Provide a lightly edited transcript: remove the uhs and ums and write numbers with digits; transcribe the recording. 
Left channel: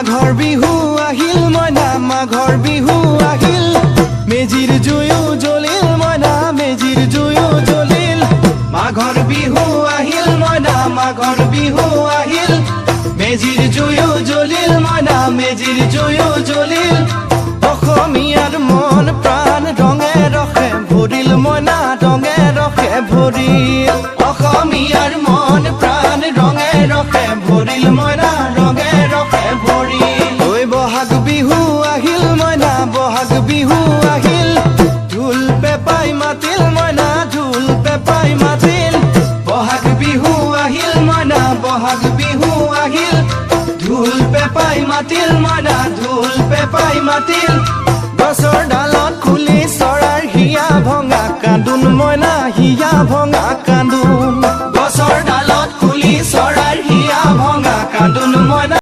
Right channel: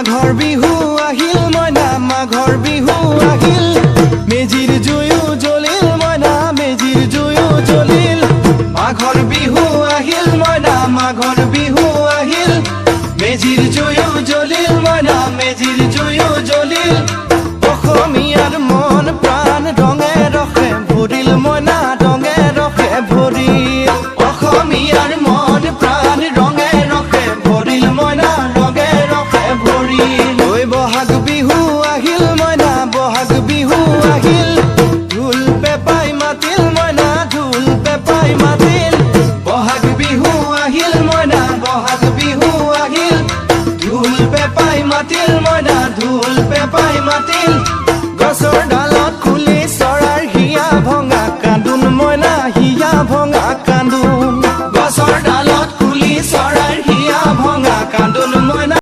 মাঘৰ বিহু আহিল মইনা মাঘৰ বিহু আহিল মেজিৰ জুয়ো জ্বলিল মইনা মেজিৰ জুয়ো জ্বলিল মাঘৰ বিহু আহিল মইনা মাঘৰ বিহু আহিল মেজিৰ জুয়ো জ্বলিল মইনা মেজিৰ জুয়ো জ্বলিল অসমীয়াৰ মন প্ৰাণ ৰঙে ৰখে ভৰিল মইনা ৰঙে ৰখে ভৰিল অসমীয়াৰ মন প্ৰাণ ৰঙে ৰখে ভৰিল মইনা ৰঙে ৰখে ভৰিল ঐ বহাগ বিহু আহিল মইনা বহাগ বিহু আহিল ঢোল পেপাই মাতিল মইনা ঢোল পেপাই মাতিল বহাগ বিহু আহিল মইনা বহাগ বিহু আহিল ঢোল পেপাই মাতিল মইনা ঢোল পেপাই মাতিল গছৰ ডালত খুলি চৰাৰ হিয়া ভঙা কান্দোন মইনা হিয়া ভঙা কান্দোন